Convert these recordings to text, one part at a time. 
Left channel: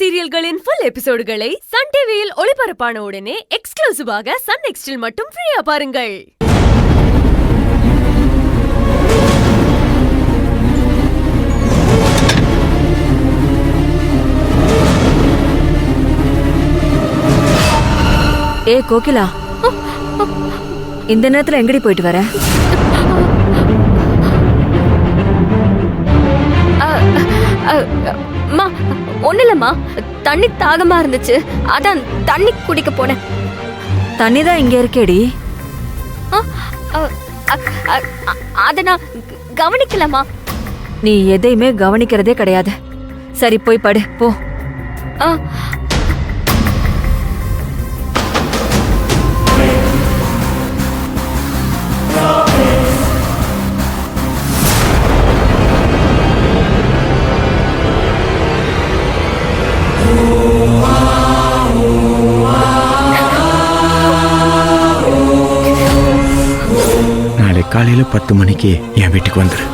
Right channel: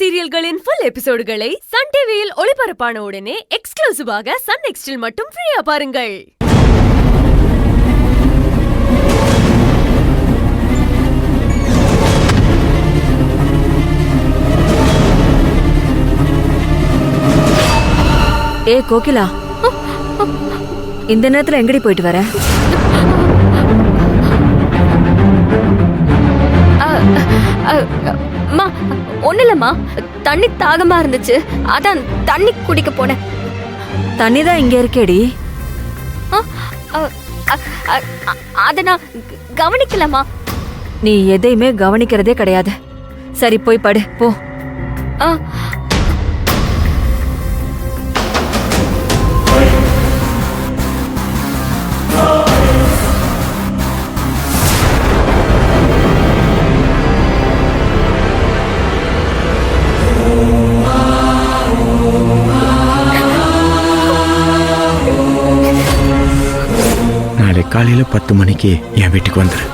சீரியல்களின் full எபிசோடுகளை Sun டிவியில் ஒளிபரப்பான உடனே எக்ஸ்க்ளூசிவாக சன் நெக்ஸ்டில் மட்டும் ஃப்ரீயா பாருங்கள். ஏ கோகிலா, இந்த நேரத்துல எங்கடி போயிட்டு வர? அம்மா ஒண்ணு இல்லம்மா, தண்ணி தாகமா இருந்துச்சு, அதான் தண்ணி குடிக்க போனேன். தண்ணி தான் இங்க இருக்கேடி. அத நான் கவனிக்கலம்மா. நீ எதையுமே கவனிக்கிறதே கிடையாது. சரி போய் படு போ. நாளை காலையில 10 மணிக்கு என் வீட்டுக்கு வந்துரு.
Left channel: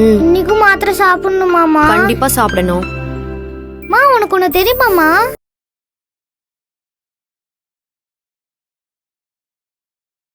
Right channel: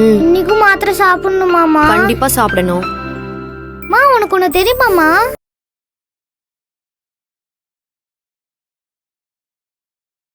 இன்னைக்கும் மாத்திரை சாப்பிடணுமாமா? கண்டிப்பா சாப்பிடணும். உனக்கு ஒண்ணு தெரியுமாமா?